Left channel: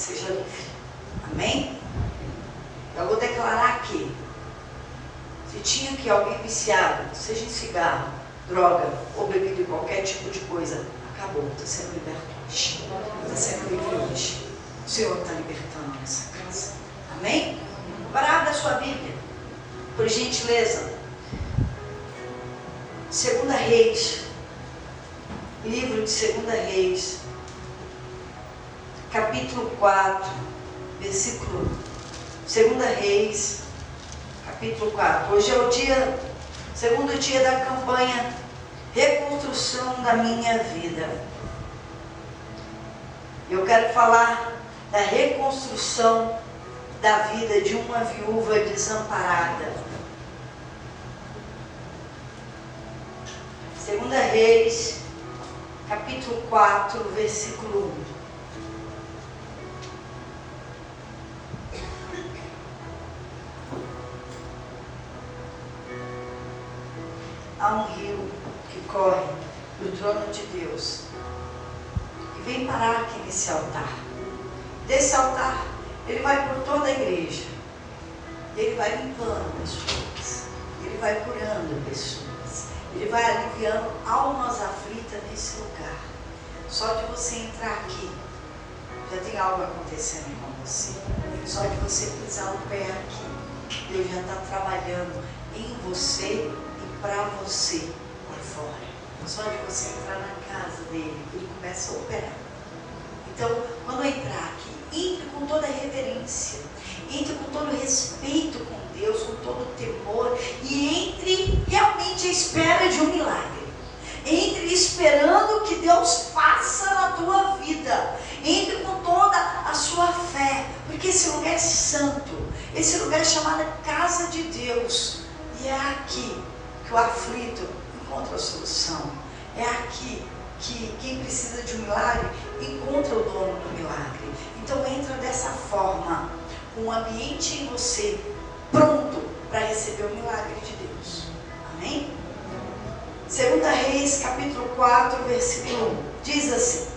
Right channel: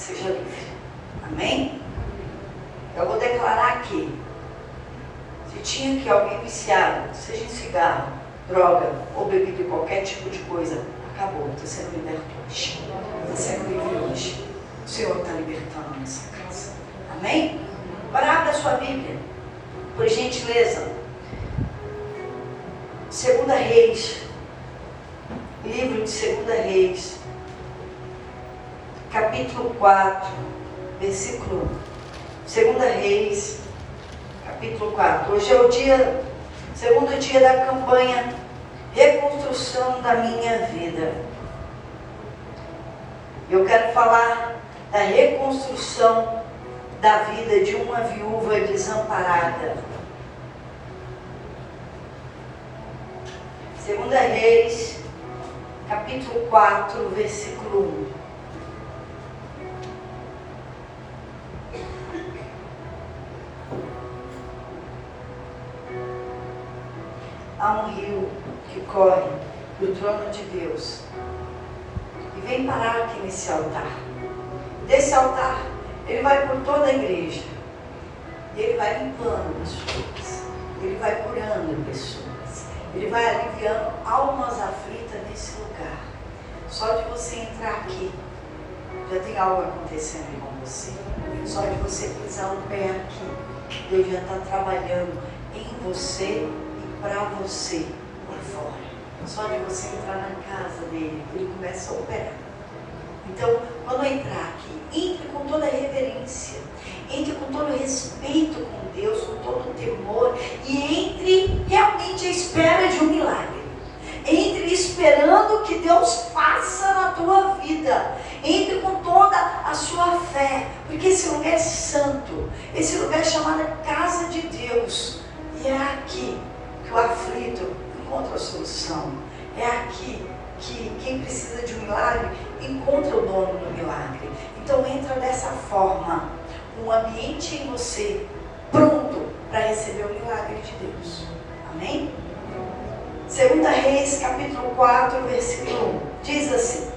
seja livre. Amém? Eu vou declarar aqui, se tinha aqui alguém viciado, seja em cigarro, droga ou bebida, qualquer tipo de coisa, acabou, está sendo liberto hoje. Está sendo livre hoje. O Senhor está libertando a nossa casa. Amém? Para abra a sua Bíblia, por gentileza. 2 Reis, livro de 2 Reis, capítulo 4, versículo 2 Reis, capítulo 4. Hoje é o segundo dia da campanha Reconstrução da Minha Vida. Eu quero falar da reconstrução da vida de uma viúva desamparada. 2 Reis, capítulo 4, versículo 1. Há um rio que corre do trono de Deus e vem parar aqui nesse altar. Desse altar, ele vai por toda a igreja. Ele vai limpando pessoas. Ele vai curando pessoas. Ele vai aliviando almas aflitas nesse lugar. Só de você entrar aqui, já tem algo acontecendo com você. Só de você pisar no pé aqui, Deus já está trabalhando em você para você lá fora. Só de você entrar na casa dele, ele começa a operar. Então, quando entrar aqui, entre com toda a reverência, entre com todo respeito com Deus, com todo temor, e entre realmente à espera de um milagre. Entre esperando que Deus faça na tua vida. Entre com toda a sua fé, porque esse lugar é santo, esse lugar é chamado Casa de Deus, e é aqui que o aflito encontra a solução. É aqui que quem precisa de um milagre encontra o dono do milagre. Então entra dessa forma, com o ambiente em você pronto para receber o milagre de Deus. Amém? 2 Reis, capítulo 4, versículo 1, diz assim:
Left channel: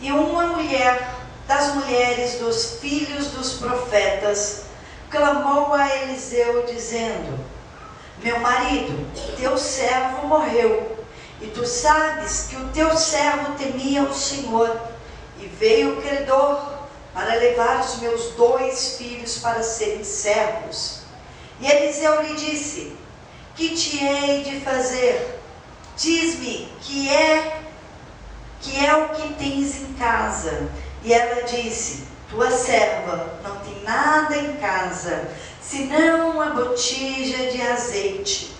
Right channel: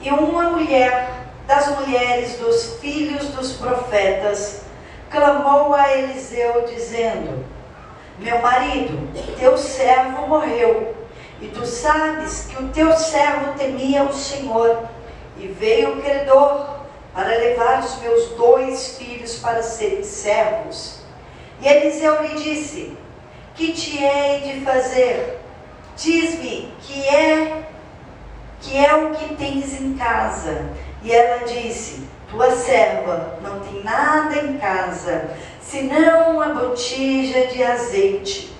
E uma mulher das mulheres dos filhos dos profetas clamou a Eliseu, dizendo: Meu marido, teu servo morreu, e tu sabes que o teu servo temia o Senhor, e veio o credor para levar os meus 2 filhos para serem servos. E Eliseu lhe disse: Que te hei de fazer? Diz-me que é o que tens em casa. E ela disse: Tua serva não tem nada em casa, senão uma botija de azeite.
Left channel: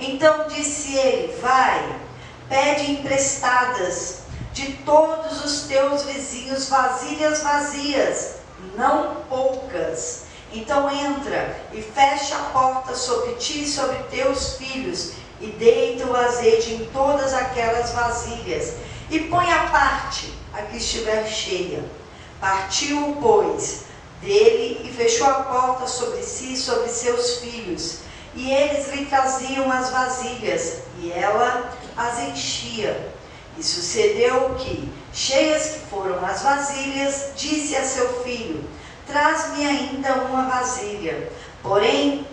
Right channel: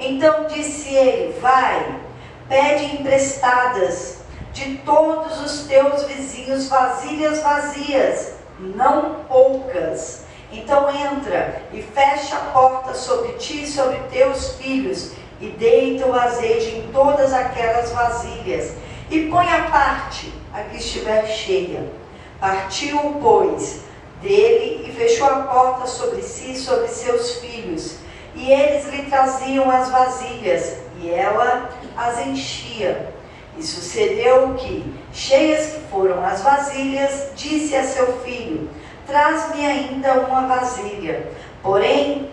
Então disse ele: Vai, pede emprestadas de todos os teus vizinhos vasilhas vazias, não poucas. Então entra e fecha a porta sobre ti e sobre teus filhos, e deita o azeite em todas aquelas vasilhas, e põe à parte a que estiver cheia. Partiu, pois, dele e fechou a porta sobre si e sobre seus filhos. E eles lhe traziam as vasilhas, e ela as enchia. E sucedeu que, cheias que foram as vasilhas, disse a seu filho: Traz-me ainda uma vasilha. Porém,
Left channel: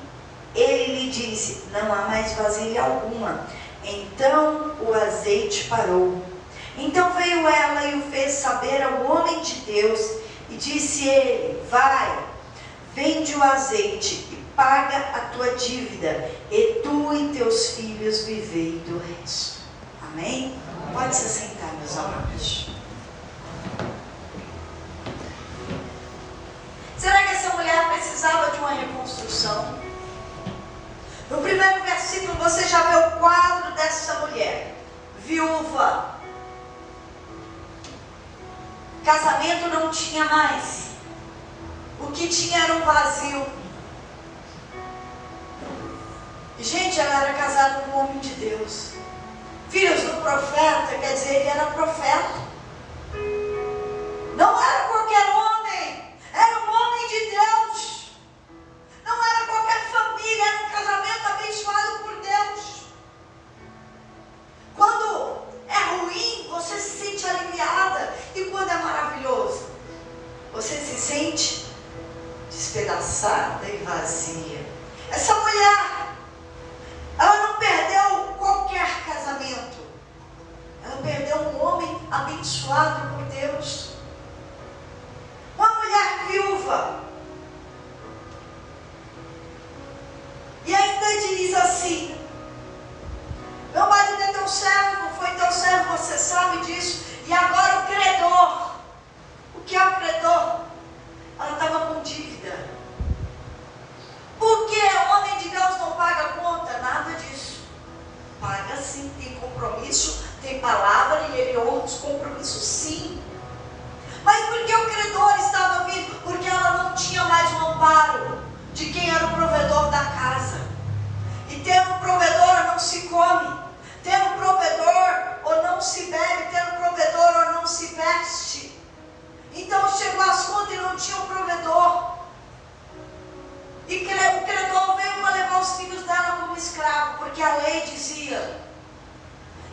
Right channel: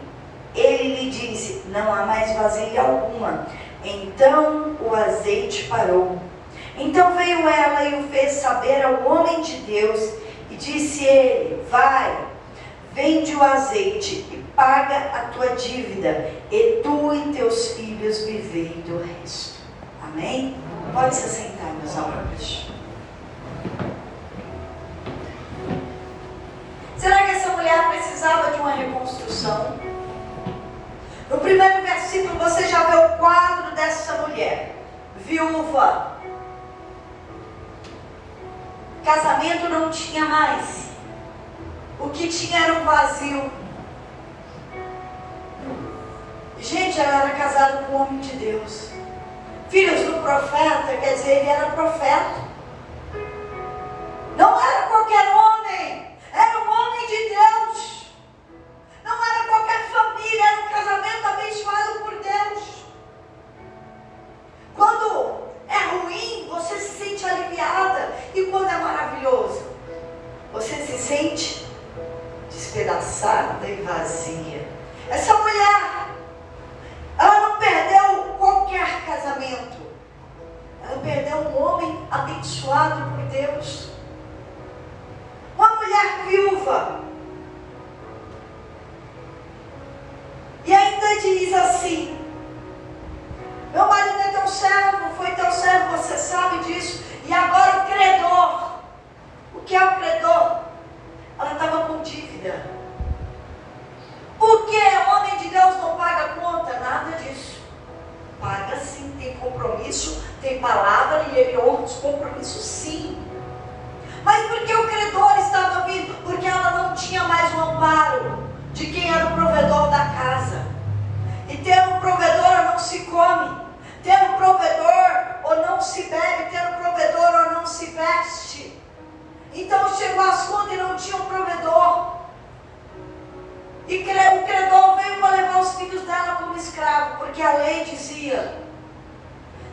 ele lhe disse: Não há mais vasilha alguma. Então o azeite parou. Então veio ela e o fez saber ao homem de Deus, e disse ele: Vai, vende o azeite e paga a tua dívida, e tu e teus filhos vivei do resto. Amém? Pode se assentar, meus amados. Será que essa mulher precisava de uma reconstrução? No primeiro versículo você já vê o quadro dessa mulher, viúva. Casamento não tinha mais. O que tinha era um vazio. Gente, ela era casada com um homem de Deus. Filhos do profeta, quer dizer, ele era profeta. Não era qualquer homem, era um homem de Deus. Não era qualquer família, era um casamento abençoado por Deus. Quando é ruim, você se sente aliviada. E quando é maravilhoso, maravilhoso, você se sente despedaçada e vazia. Essa mulher, ela não perdeu qualquer casamento, ela perdeu um homem abençoado por Deus. Uma mulher viúva. E ainda diz assim: meu marido é teu servo, foi teu servo, você sabe disso. E agora o credor. O que é o credor? Ela estava com dívida. Por que o homem de Deus não paga a conta? Nada disso. Paga sim, tem compromisso, tem palavra e ele honra os compromissos sim. Mas por que o credor estava vindo? Porque ela não tinha mais o amparo de quem era o provedor da casa. E tendo um provedor não se come, tendo um provedor ou não se bebe, tendo um provedor ou não se veste. Então chegou as contas e não tinha um provedor. E o credor veio para levar os filhos dela como escravo, porque a lei dizia:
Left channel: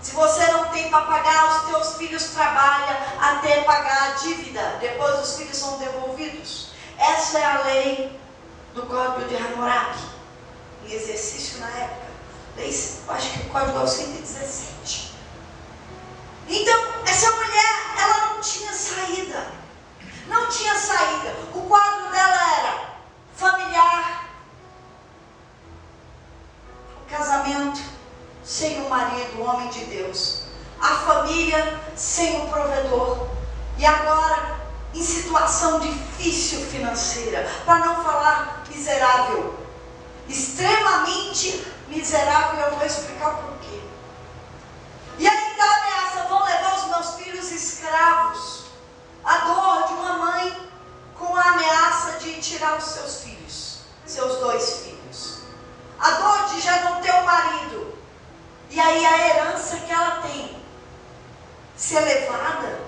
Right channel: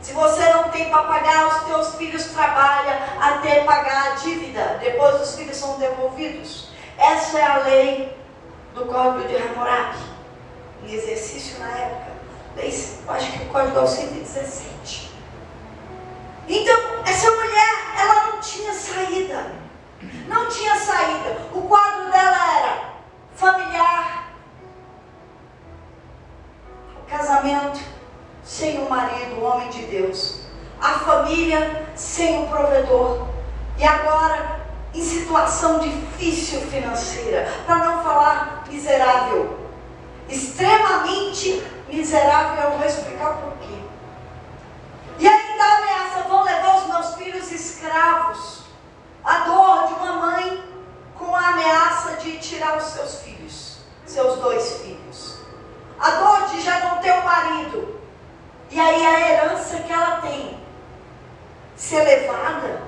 se você não tem para pagar, os teus filhos trabalham até pagar a dívida. Depois os filhos são devolvidos. Essa é a lei do Código de Hammurabi, em exercício na época. Eu acho que o Código é o 117. Então, essa mulher, ela não tinha saída. Não tinha saída. O quadro dela era familiar, o casamento sem o marido, o homem de Deus, a família sem o provedor, e agora em situação difícil financeira, para não falar miserável, extremamente miserável. Eu vou explicar por quê. E ainda a ameaça: vão levar os meus filhos escravos. A dor de uma mãe com a ameaça de tirar os seus filhos, seus 2 filhos. A dor de já não ter um marido. E aí a herança que ela tem ser levada.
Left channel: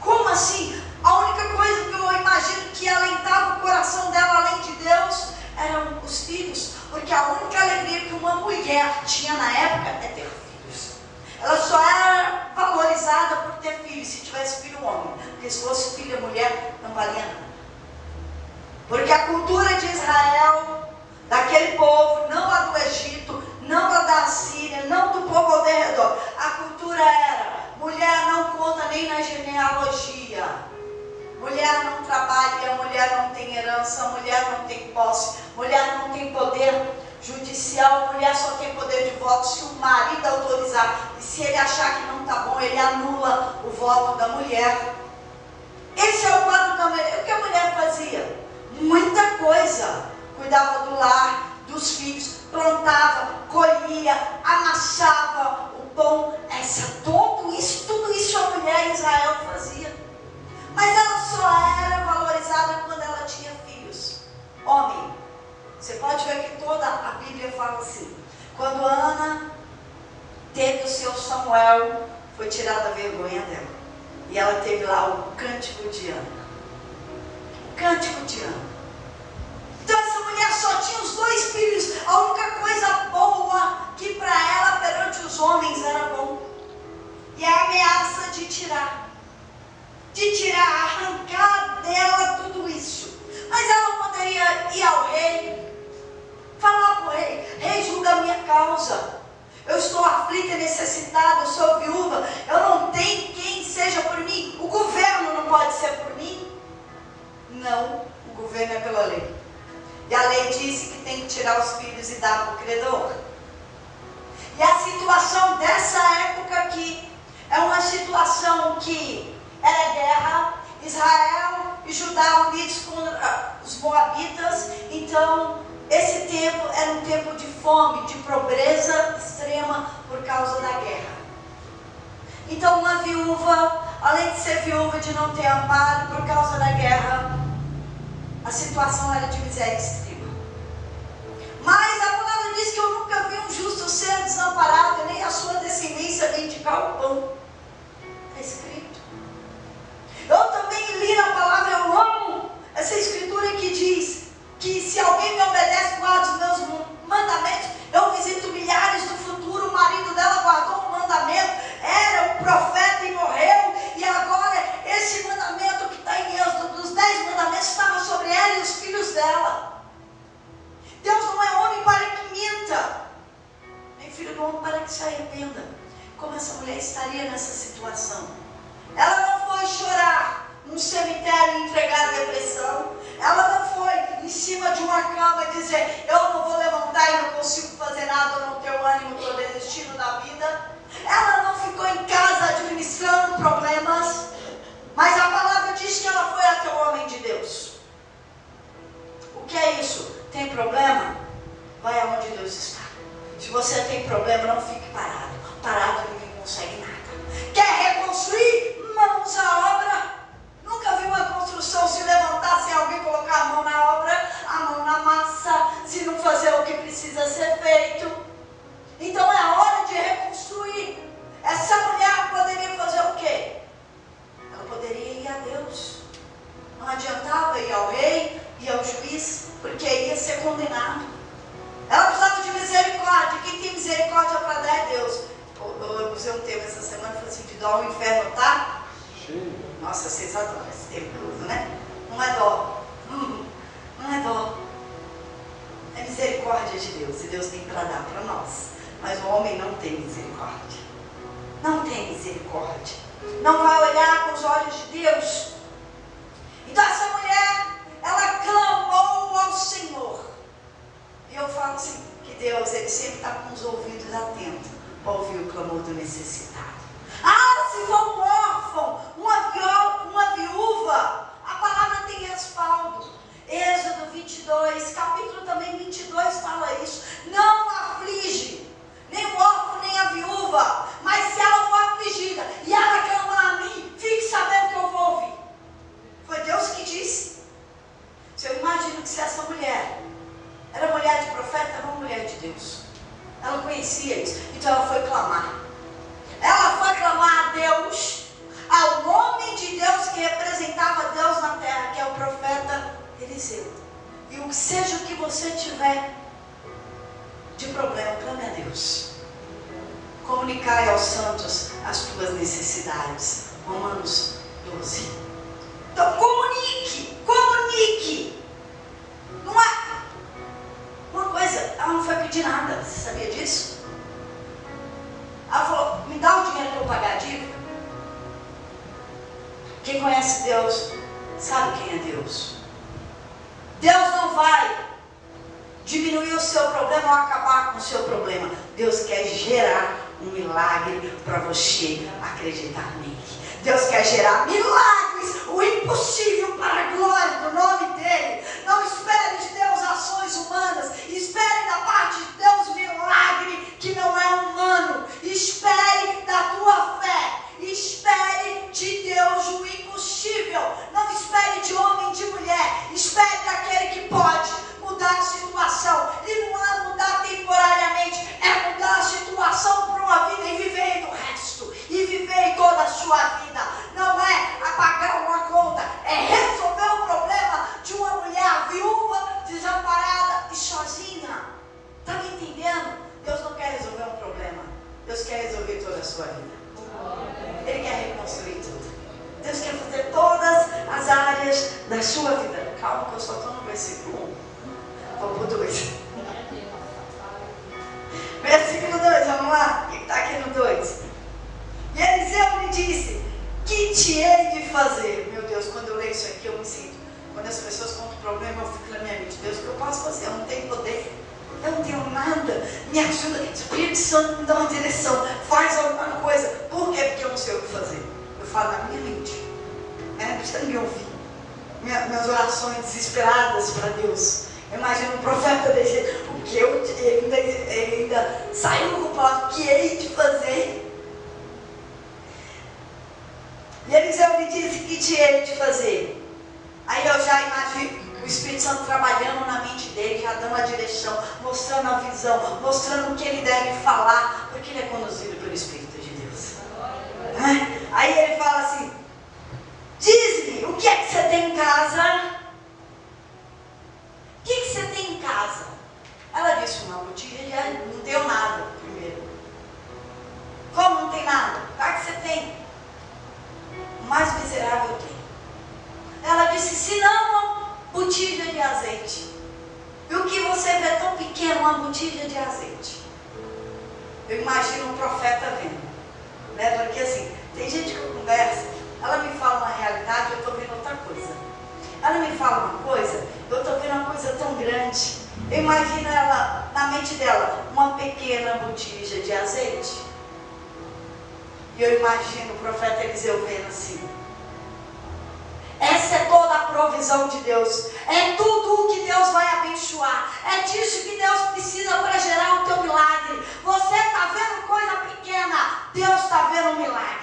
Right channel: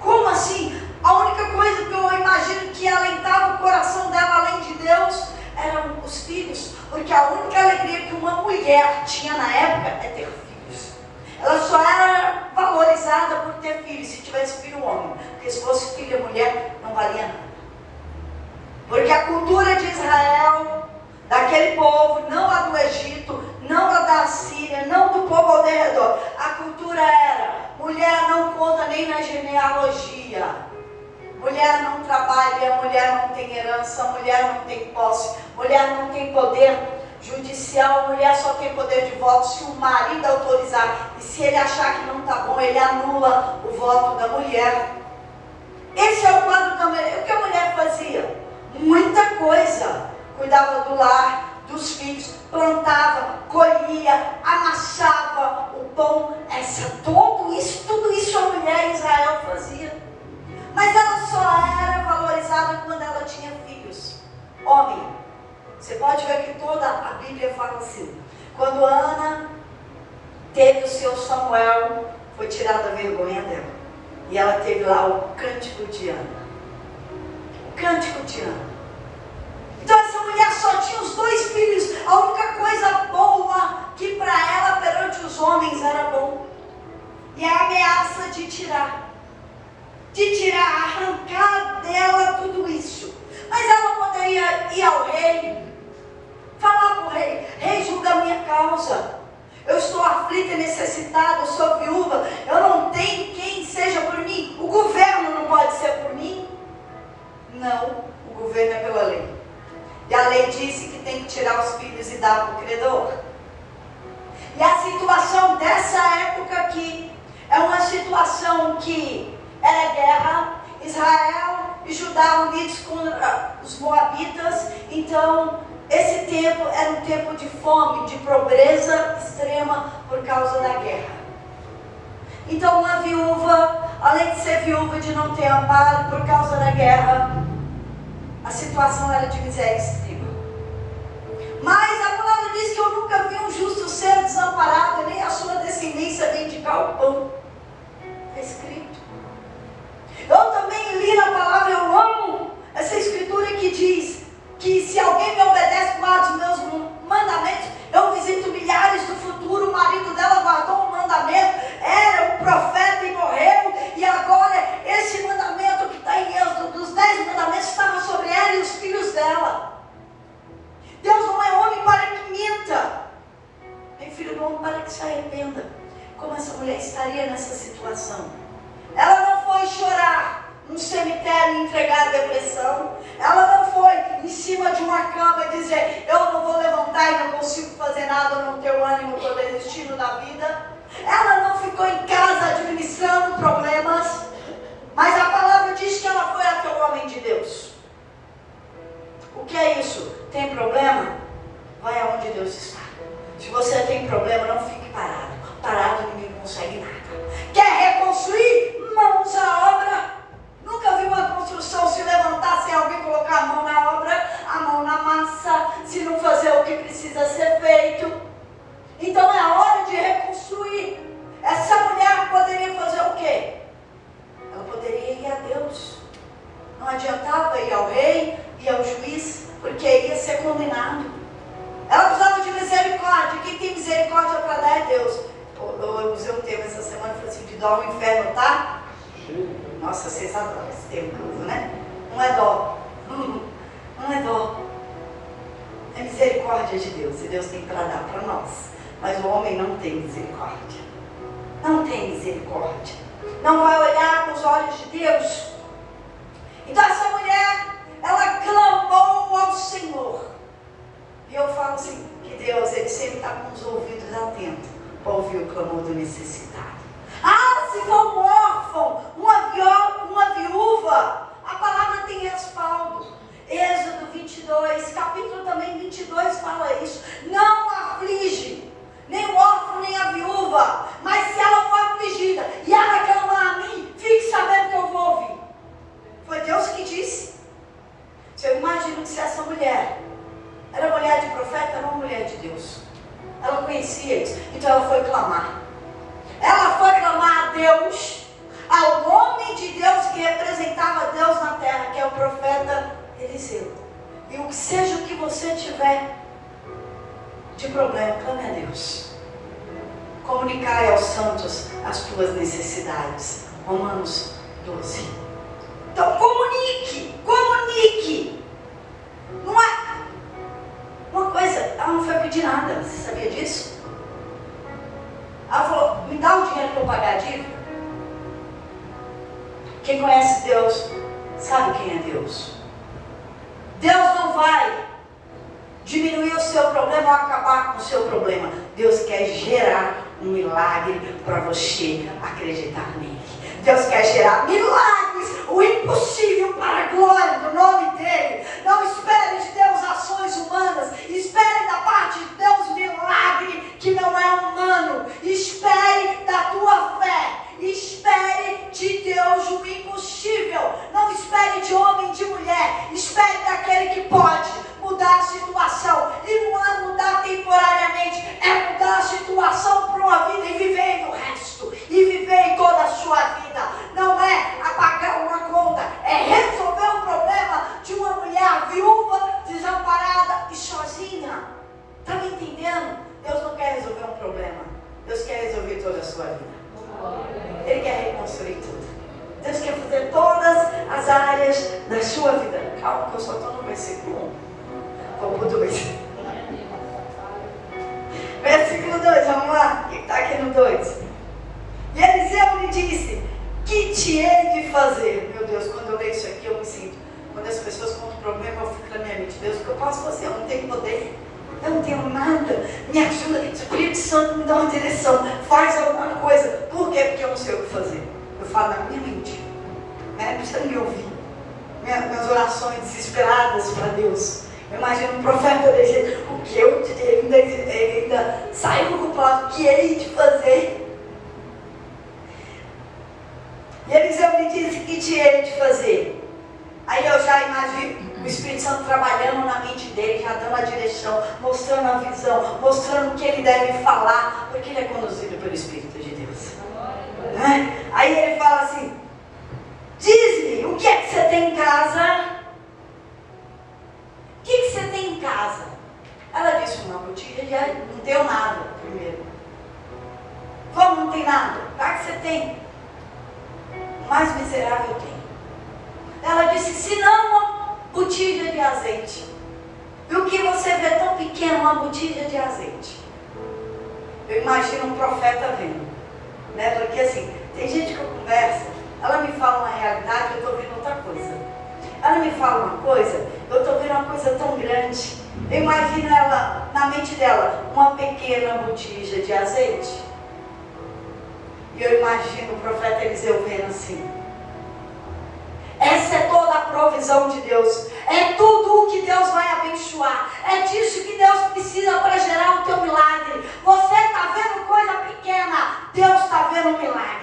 Como assim? A única coisa que eu imagino que alentava o coração dela, além de Deus, eram os filhos. Porque a única alegria que uma mulher tinha na época é ter filhos. Ela só era valorizada por ter filhos, se tivesse filho homem. Porque se fosse filha mulher, não valia nada. Porque a cultura de Israel, daquele povo, não a do Egito, não a da Síria, não do povo ao redor. A cultura era: mulher não conta nem na genealogia. Mulher não trabalha, mulher não tem herança, mulher não tem posse, mulher não tem poder judicial, a mulher só tem poder de voto se o marido autorizar. E se ele achar que não está bom, ele anula o voto da mulher. Esse é o quadro da mulher. O que a mulher fazia? Muita coisa. Cuidava do lar, dos filhos, plantava, colhia, amassava o pão. Tudo isso a mulher em Israel fazia. Mas ela só era valorizada quando ela tinha filhos. Homem. Você pode ver que toda a Bíblia fala assim: quando Ana teve o seu Samuel, foi tirada a vergonha dela. E ela teve lá o cântico de Ana. O cântico de Ana. Então essa mulher só tinha os 2 filhos. A única coisa boa que para ela perante os homens era bom. E a ameaça de tirar, arrancar dela tudo isso. Mas ela poderia ir ao rei, falar para o rei: rei, julga a minha causa. Eu estou aflita e necessitada, eu sou viúva, eu não tenho quem seja por mim. O governo não pode ser por mim? Não, o governo é pela lei. E a lei disse que tem que tirar os filhos e dar para o credor. E a situação dessa época aqui é uma situação que era guerra. Israel e Judá unidos contra os moabitas. Então esse tempo era um tempo de fome, de pobreza extrema por causa da guerra. Então uma viúva, além de ser viúva, de não ter amparo por causa da guerra, a situação era de miséria extrema. Mas a palavra diz que eu nunca vi um justo ser desamparado, nem a sua descendência mendigar o pão. Está escrito. Eu também li na palavra, eu amo essa escritura que diz que se alguém me obedece, guarda os meus mandamentos. Eu visito milhares do futuro. O marido dela guardou um mandamento, era um profeta e morreu, e agora cima de uma cama e dizer, eu não vou levantar e não consigo fazer nada, eu não tenho ânimo, estou desistindo da vida. Ela não ficou em casa administrando problemas, mas a palavra diz que ela foi até o homem de Deus. O que é isso? Tem problema? Vai aonde Deus está. Se você tem problema, não fique parado. Parado ninguém consegue nada. Quer reconstruir? Mãos à obra. Nunca vi uma construção se levantar sem alguém colocar a mão na obra, a mão na massa, se não fazer o que precisa ser feito. Então é a hora de reconstruir. Essa mulher poderia fazer o quê? Ela poderia ir a Deus. Não adiantava ir ao rei e ao juiz, porque ia ser condenado. Ela precisava de misericórdia. Quem tem misericórdia para dar é Deus. Eu usei um termo essa semana, falei assim, de dó o inferno tá? Nossa, vocês adoram esse termo, né? Não é dó. Não é dó. É misericórdia de Deus. E Deus tem para dar para nós. Mas o homem não tem misericórdia. Não tem misericórdia. Não vai olhar com os olhos de Deus. Então essa mulher, ela clamou ao Senhor. E eu falo assim, que Deus, Ele sempre está com os ouvidos atentos para ouvir o clamor do necessitado. Ah, se for um órfão, uma viúva, a palavra tem respaldo. Êxodo 22, capítulo também 22 fala isso. Não aflige, nem o órfão, nem a viúva. Mas se ela for afligida e ela clamar a mim, fique sabendo que eu vou ouvir. Foi Deus que disse. Se eu imagino que se essa mulher era mulher de profeta, era uma mulher de Deus. Ela conhecia isso, então ela foi clamar. Ela foi clamar a Deus, ao homem de Deus que representava Deus na terra, que é o profeta Eliseu. E seja o que você tiver de problema, clame a Deus. Comunicai aos santos as tuas necessidades. Romanos 12. Então comunique. Não é uma coisa, ela não foi pedir nada, você sabia disso? Ela falou, me dá o dinheiro para eu pagar a dívida. Quem conhece Deus, sabe quem é Deus. Deus não vai diminuir o seu problema ou acabar com o seu problema. Deus quer gerar um milagre para você acreditar nele. Deus quer gerar milagres, o impossível para a glória do nome dele. Não espere de Deus ações humanas, espere da parte de Deus milagre que não é humano. Espere da tua fé, espere de Deus o impossível. Não espere de homem e de mulher, espere daquele que pode mudar a situação. E não é mudar temporariamente, é mudar a situação para uma vida e viver no resto, e viver toda a sua vida. Não é apagar uma conta, é resolver o problema de uma mulher viúva, desamparada e sozinha. Está me entendendo? Deus não quer resolver um problema, Deus quer resolver toda a sua vida. Ele quer reconstruir tudo. Deus quer fazer todas as áreas da sua vida. Calma que eu só estou no versículo 1. Vou para o 2. Versículo 2, vamos lá. O que está aqui no 2? E Eliseu lhe disse, que te hei de fazer? Meu Deus, quando eu leio isso aqui eu me sinto. Quando as pessoas contam um problema, eu fico na minha mente. Deus, o que eu posso fazer? Eu não tenho poder. Eu não tenho nada. Me ajuda. Espírito Santo me dá uma direção. Faz alguma coisa. Por quê? Porque eu não sei o que fazer. Eu falo na minha mente. Não precisa me ouvir. Minhas orações desesperadas para Deus. Eu imagino um profeta dizer o que ele ainda sai do culpado. O que hei de fazer? E Eliseu me disse, que te hei de fazer? Aí eu já imagino o Espírito Santo trabalhando na mente dele, já dando a direção, mostrando a visão, mostrando o que ele deve falar, porque ele é conduzido pelo Espírito de Deus. Né? Aí ele fala assim, diz-me, o que é que você tem em casa? O que você tem em casa? Ela disse, uma botija de areia. Não tenho nada, primeiro. Como não tem nada? O que você tem? O mais miserável eu tenho. Ela disse, se não, uma botija de azeite. E o que você vê tão pequeno, uma botija de azeite. Eu imagino um profeta vendo. Né? Porque assim, tem gente que eu converso, ela me fala uma realidade, eu estou vendo outra coisa. Ela me fala uma coisa, eu estou vendo uma coisa coisa tão grande. Eu imagino ela, na mente dela, uma pequena botija de azeite. E eu imagino o profeta Eliseu vendo assim. Essa é toda a provisão de Deus. É tudo o que Deus vai abençoar. É disso que Deus precisa para gerar o teu milagre. Você está vendo coisa pequena, Deus está vendo um milagre.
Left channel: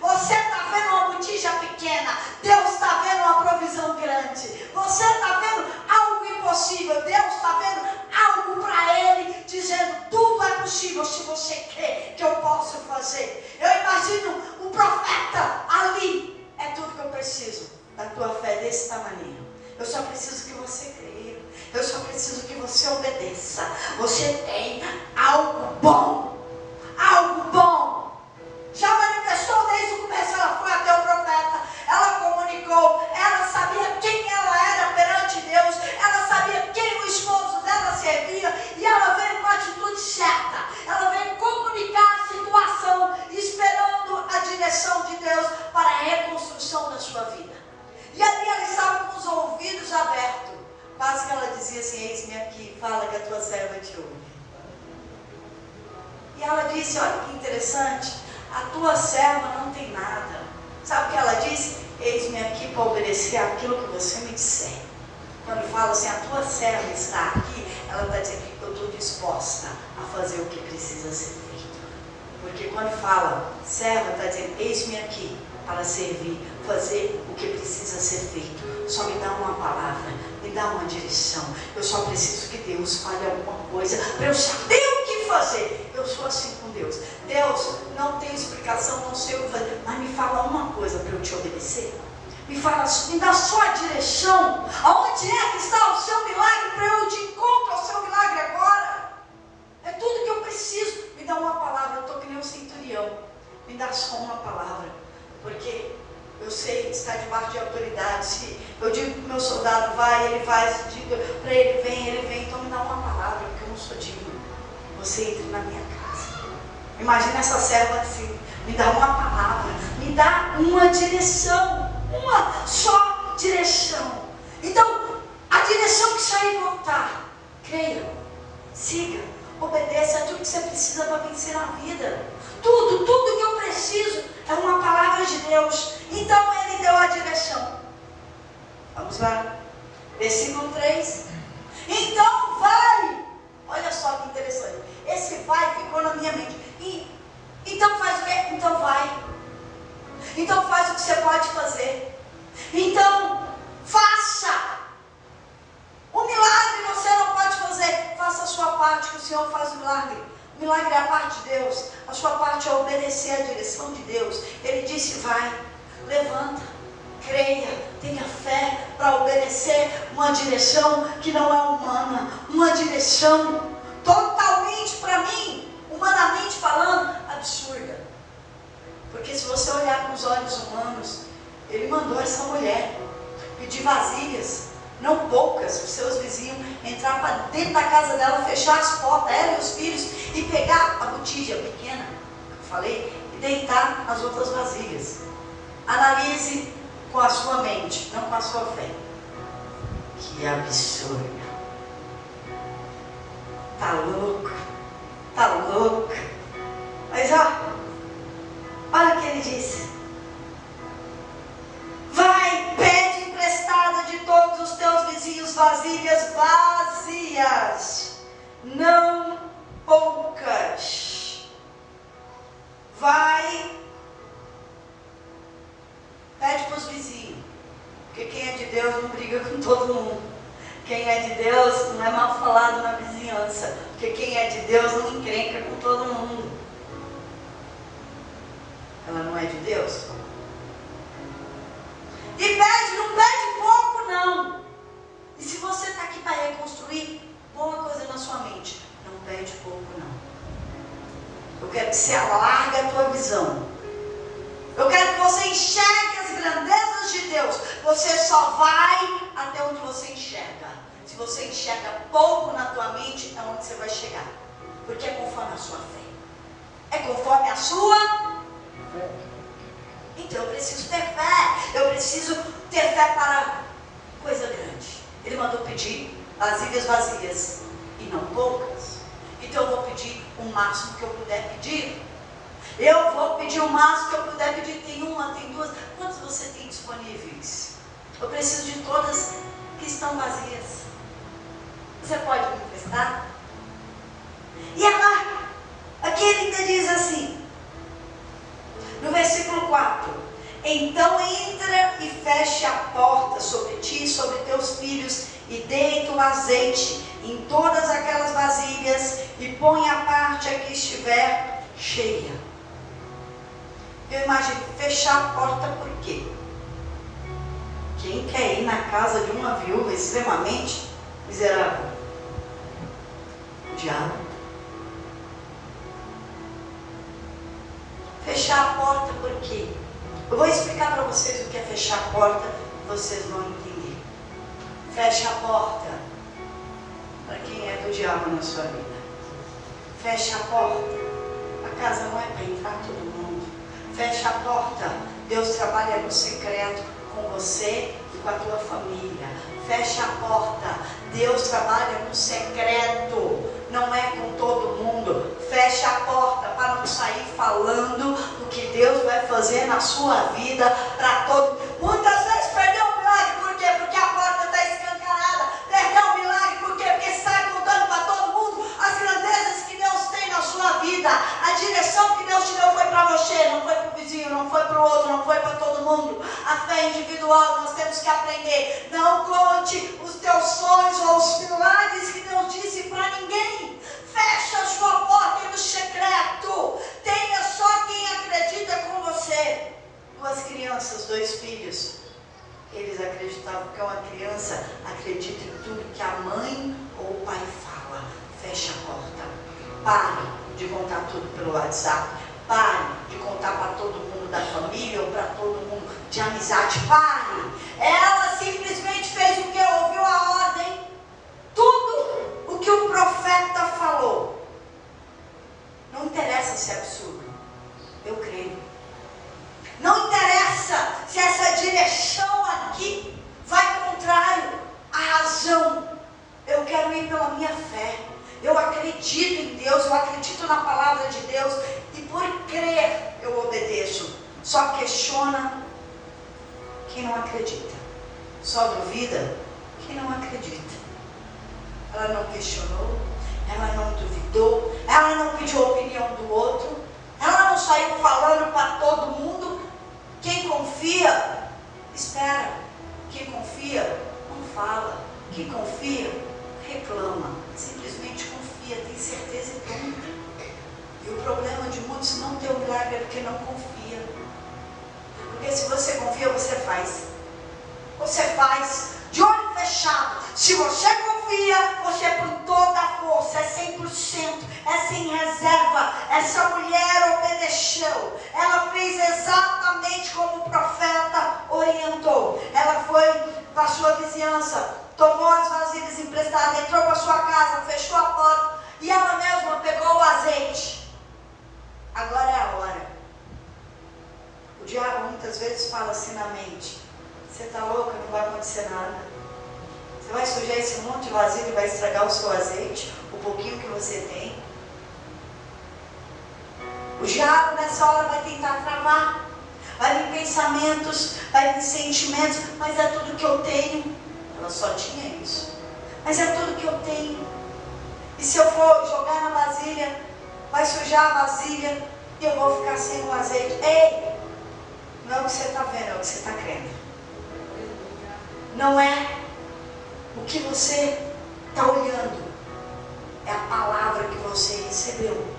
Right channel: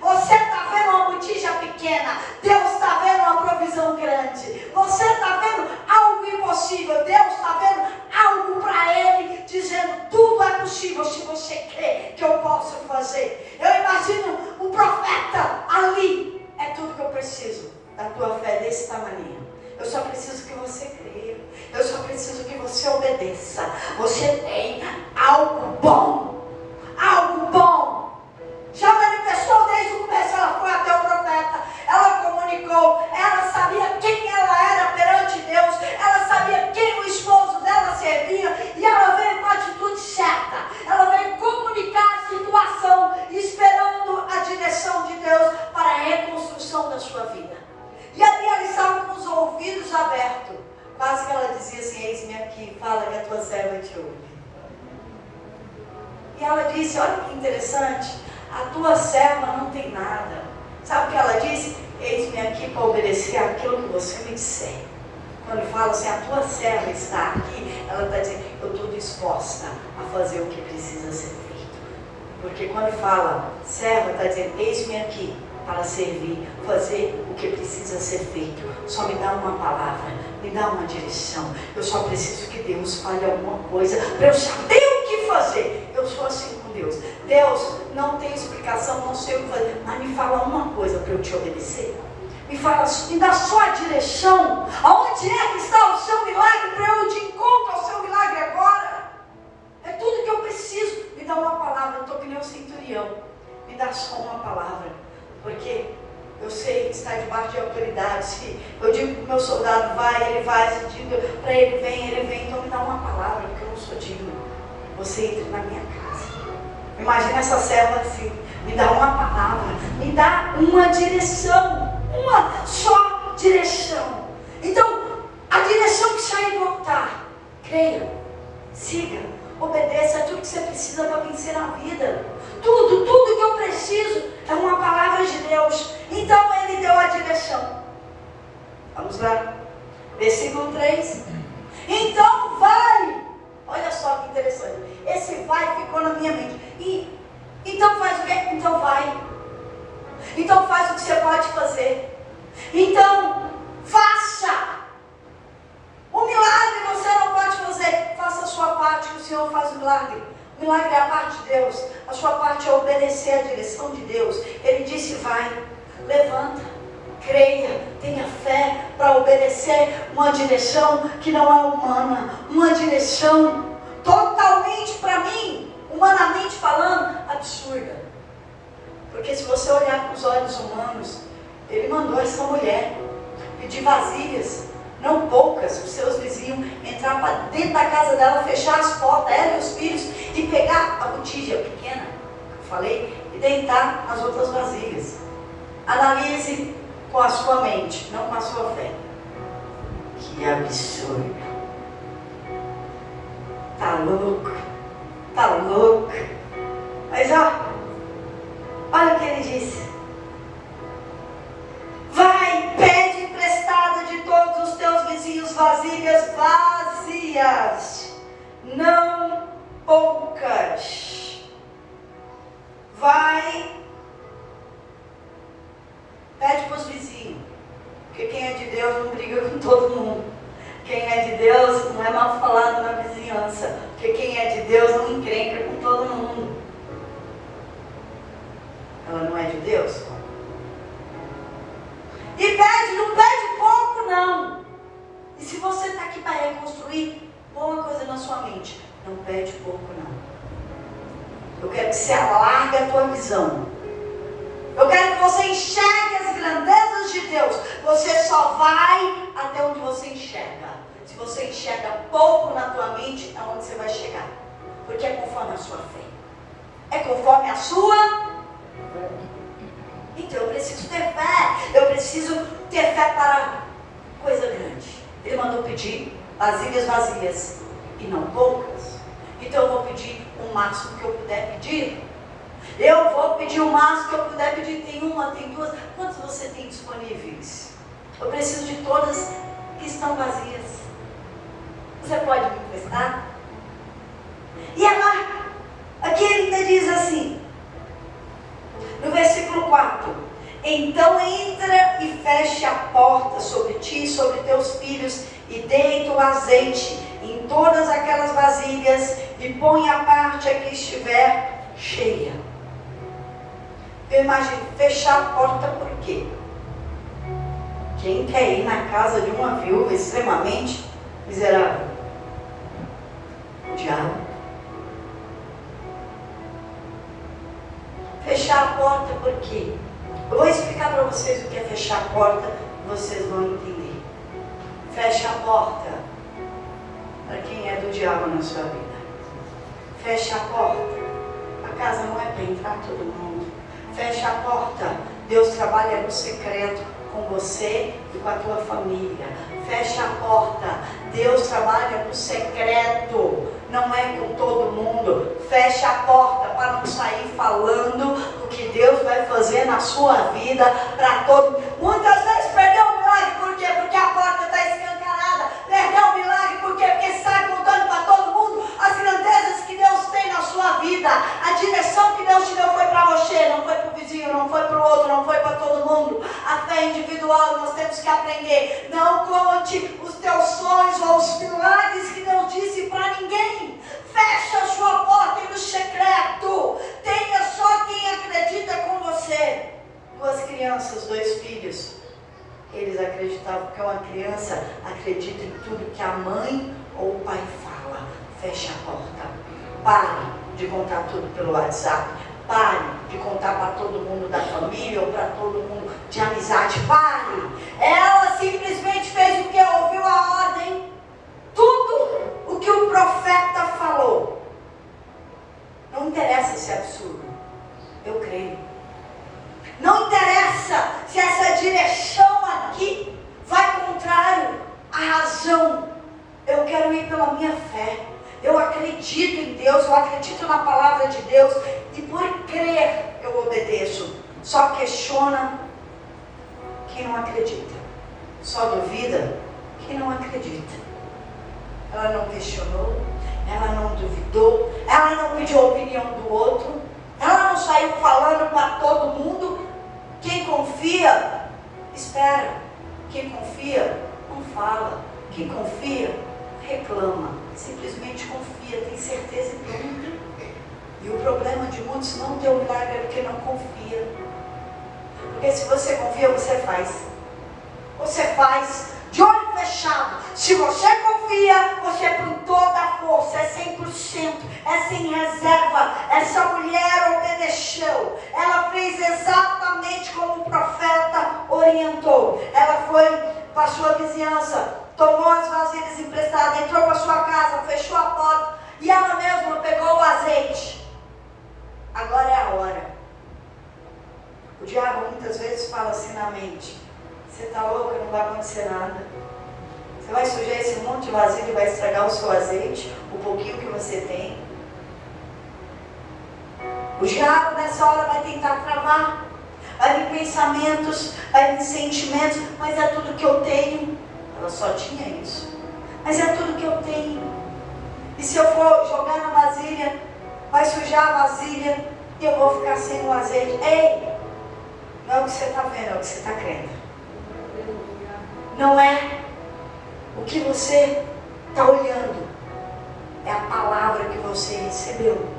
Você está vendo uma botija pequena, Deus está vendo uma provisão grande. Você está vendo algo impossível, Deus está vendo algo para Ele, dizendo, tudo é possível se você crê que eu posso fazer. Eu imagino o profeta ali. É tudo que eu preciso da tua fé desse tamanho. Eu só preciso que você creia. Eu só preciso que você obedeça. Você tem algo bom. Algo bom. Já manifestou desde o começo. Ela foi até o profeta. Ela comunicou. Ela sabia quem ela era perante Deus. Ela sabia quem o esposo dela servia. E ela veio com a atitude certa. Ela veio comunicar a situação, esperando a direção de Deus para a reconstrução da sua vida. E ali ela estava com os ouvidos abertos. Quase que ela dizia assim, eis-me aqui, fala que a tua serva te ouve. E ela disse, olha que interessante, a tua serva não tem nada. Sabe o que ela disse? Eis-me aqui para obedecer aquilo que você me disser. Quando ele fala assim, a tua serva está aqui, ela está dizendo, eu estou disposta a fazer o que precisa ser feito. Porque quando fala, serva, está dizendo, eis-me aqui para servir, fazer o que precisa ser feito. Só me dá uma palavra, me dá uma direção. Eu só preciso que Deus fale alguma coisa para eu saber o que fazer. Eu sou assim com Deus. Deus, não tem explicação, não sei o que fazer, mas me fala uma coisa para eu te obedecer. Me fala, me dá só a direção. Aonde é que está o seu milagre para eu te encontrar o seu milagre agora? É tudo que eu preciso. Me dá uma palavra, eu estou que nem um centurião. Me dá só uma palavra. Porque eu sei que está debaixo de autoridade. Se eu digo que o meu soldado vai, ele vai. Se digo para ele vem. Então me dá uma palavra, porque eu não sou digno. Você entre na minha casa. Imagina essa serva assim. Me dá uma palavra. Me dá uma direção. Uma só direção. Então, a direção que sair do altar. Creia. Siga. Obedeça. É tudo que você precisa para vencer a vida. Tudo que eu preciso é uma palavra de Deus. Então ele deu a direção. Vamos lá. Versículo 3. Então vai. Olha só que interessante. Esse vai ficou na minha mente. Então faz o quê? Então vai. Então faz o que você pode fazer. Então faça. O milagre você não pode fazer. Faça a sua parte que o Senhor faz o milagre. O milagre é a parte de Deus. A sua parte é obedecer a direção de Deus. Ele disse, vai, levanta, creia, tenha fé para obedecer uma direção que não é humana. Uma direção totalmente, para mim, humanamente falando, absurda. Porque se você olhar com os olhos humanos, ele mandou essa mulher pedir vasilhas. Não poucas, os seus vizinhos entrar para dentro da casa dela, fechar as portas, ela e os filhos, e pegar a botija pequena, que eu falei, e deitar as outras vasilhas. Analise com a sua mente, não com a sua fé. Que absurdo. Tá louco. Tá louco. Mas olha o que ele disse. Vai, pede emprestado de todos os teus vizinhos vasilhas vazias, não poucas. Vai, pede para os vizinhos, porque quem é de Deus não briga com todo mundo. Quem é de Deus não é mal falado na vizinhança, porque quem é de Deus não encrenca com todo mundo. Ela não é de Deus? E pede, não pede pouco não. E se você está aqui para reconstruir, põe uma coisa na sua mente. Não pede pouco não. Eu quero que você alargue a tua visão. Eu quero que você enxergue as grandezas de Deus. Você só vai até onde você enxerga. Se você enxerga pouco na tua mente, aonde você vai chegar? Porque é conforme a sua fé. É conforme a sua fé. Então eu preciso ter fé. Eu preciso ter fé para coisa grande. Ele mandou pedir. vasilhas vazias, e não poucas. Então eu vou pedir o máximo que eu puder pedir. Eu vou pedir o máximo que eu puder pedir. Tem uma, tem duas. Quantas você tem disponíveis? Eu preciso de todas que estão vazias. Você pode me emprestar? E ela, aqui ele diz assim, no versículo 4: então entra e feche a porta sobre ti e sobre teus filhos, e deita o azeite em todas aquelas vasilhas, e põe a parte a que estiver cheia. Eu imagino, fechar a porta por quê? Quem quer ir na casa de uma viúva extremamente miserável? O diabo. Fechar a porta por quê? Eu vou explicar para vocês o que é fechar a porta e vocês vão entender. Fecha a porta para quem é do diabo na sua vida. Fecha a porta. A casa não é para entrar todo mundo. Fecha a porta. Deus trabalha no secreto com você e com a tua família. Fecha a porta. Deus trabalha no secreto. Não é com todo mundo. Fecha a porta para não sair falando o que Deus vai fazer na sua vida para todo. Muitas vezes perdeu o milagre. Por quê? Porque a porta está escancarada. Perdeu o milagre. Por quê? Porque sai contando para todo mundo as grandezas que Deus tem na sua vida. A direção que Deus te deu foi para você, não foi para o vizinho, não foi para o outro, não foi para todo mundo. A fé individual, nós temos que aprender. Não conte os teus sonhos ou os milagres que Deus disse para ninguém. Fecha a sua porta no secreto. Tenha só quem acredita com você. 2 crianças, 2 filhos. Eles acreditavam que uma criança acredita em tudo que a mãe ou o pai fala. Fecha a porta. Pare de contar tudo pelo WhatsApp. Pare de contar para todo mundo da família ou para todo mundo de amizade. Pare. Ela simplesmente fez o que? Ouviu a ordem. Tudo o que o profeta falou. Não interessa se é absurdo. Eu creio. Não interessa se essa direção aqui vai contrário à razão. Eu quero ir pela minha fé. Eu acredito em Deus, eu acredito na palavra de Deus. E por crer eu obedeço. Só questiona quem não acredita. Só duvida quem não acredita. Ela não questionou, ela não duvidou, ela não pediu a opinião do outro, ela não saiu falando para todo mundo. Quem confia, espera. Quem confia, não fala. Quem confia, reclama. Simplesmente confia, tem certeza que eu não tenho. E o problema de muitos não ter o milagre é porque não confia. Porque se você confia, você faz. Você faz de olho fechado. Se você confia, você põe toda a força, é 100%, é sem reserva. Essa mulher obedeceu. Ela fez exatamente como o profeta orientou. Ela foi para a sua vizinhança, tomou as vasilhas emprestadas, entrou para a sua casa, fechou a porta e ela mesma pegou o azeite. Agora é a hora. O diabo muitas vezes fala assim na mente: você está louca, não vai acontecer nada. Você vai sujar esse monte de vasilha e vai estragar o seu azeite, o pouquinho que você tem. O diabo nessa hora vai tentar travar. Vai vir pensamentos, vai vir sentimentos, mas é tudo que eu tenho. Ela só tinha isso. Mas é tudo que eu tenho. E se eu for jogar na vasilha, vai sujar a vasilha e eu vou ficar sem o azeite. Ei! Não é o que você está vendo, é o que você está crendo. Não é o que você está olhando. É a palavra que você recebeu.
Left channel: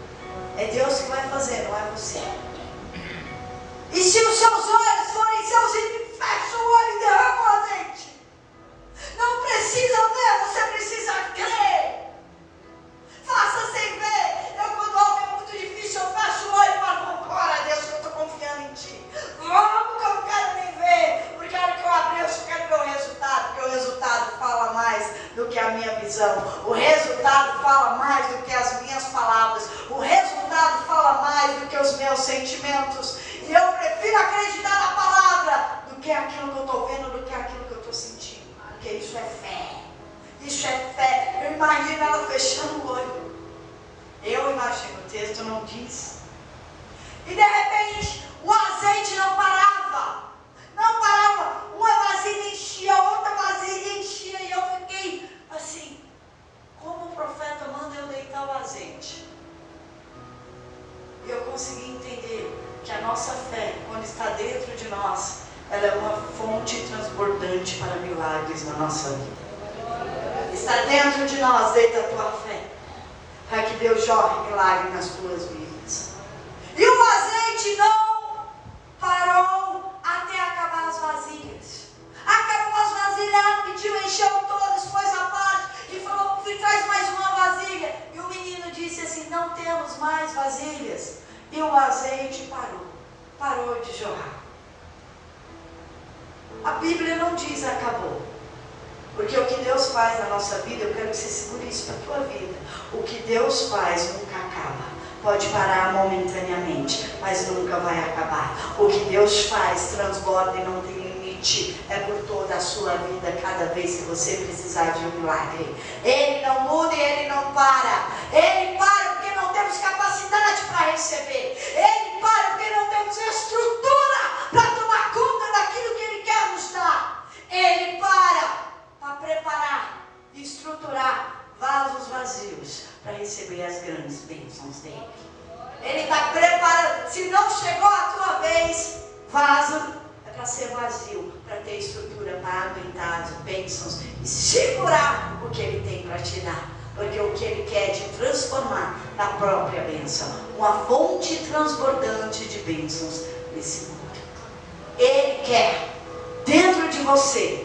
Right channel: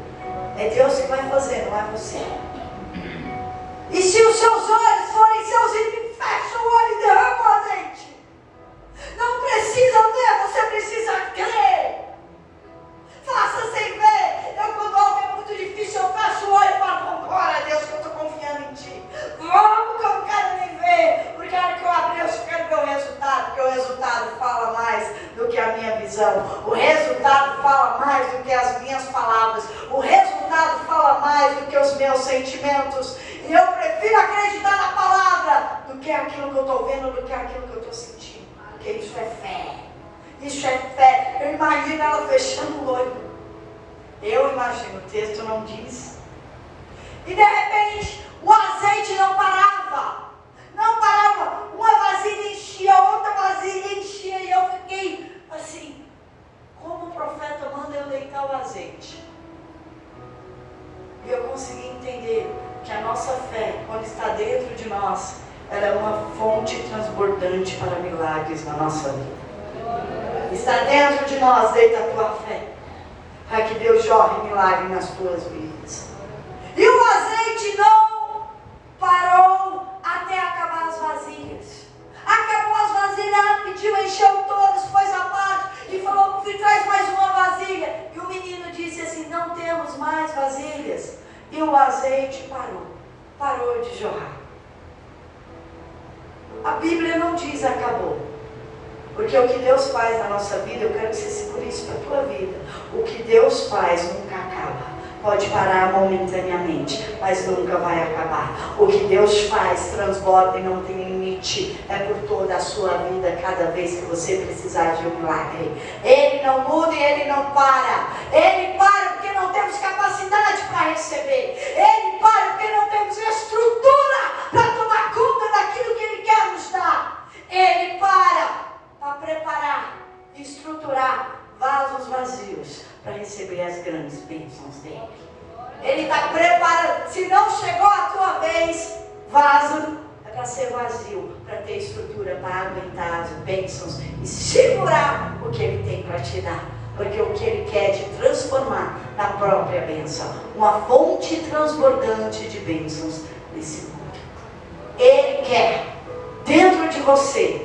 É Deus que vai fazer, não é você. E se os seus olhos forem seus ímpios, fecha o olho e derrama o azeite. Não precisa ver, você precisa crer. Faça sem ver. Eu, quando algo é muito difícil, eu fecho o olho e falo: glória a Deus que eu estou confiando em ti. Vamos, que eu não quero nem ver. Porque a hora que eu abrir, eu só quero ver o resultado. Porque o resultado fala mais do que a minha visão. O resultado fala mais do que as minhas palavras. O resultado fala mais do que os meus sentimentos. E eu prefiro acreditar na palavra do que aquilo que eu estou vendo, do que aquilo que eu estou sentindo. Porque isso é fé. Isso é fé. Eu imagino ela fechando o olho. Eu imagino, o texto não diz. E de repente, o azeite não parava. Não parava. Uma vasilha enchia, outra vasilha enchia. E eu fiquei assim, como o profeta manda eu deitar o azeite? E eu consegui entender que a nossa fé, quando está dentro de nós, ela é uma fonte transbordante para milagres na nossa vida. Está dentro de nós, deita a tua fé, para que Deus jorre milagre nas tuas vidas. E o azeite não parou até acabar as vasilhas. Acabou as vasilhas, ela pediu, encheu todas, pôs a parte e falou, traz mais uma vasilha. E o menino disse assim, não temos mais vasilhas. E o azeite parou de jorrar. A Bíblia não diz acabou. Porque o que Deus faz na nossa vida, eu quero que você segure isso para a tua vida. O que Deus faz nunca acaba. Pode parar momentaneamente, mas nunca vai acabar. O que Deus faz transborda e não tem limite. É por toda a sua vida, cada vez que você precisar de um milagre. Ele não muda e Ele não para. Ele para porque não temos capacidade para receber. Ele para porque não temos estrutura para tomar conta daquilo que Ele quer nos dar. Ele para preparar e estruturar vasos vazios para receber as grandes bênçãos dele. Ele está preparando. Se não chegou a tua vez, vaso é para ser vazio, para ter estrutura para aguentar as bênçãos e segurar o que ele tem para te dar. Porque o que ele quer é te transformar na própria bênção, uma fonte transbordante de bênçãos nesse mundo. Ele quer dentro de você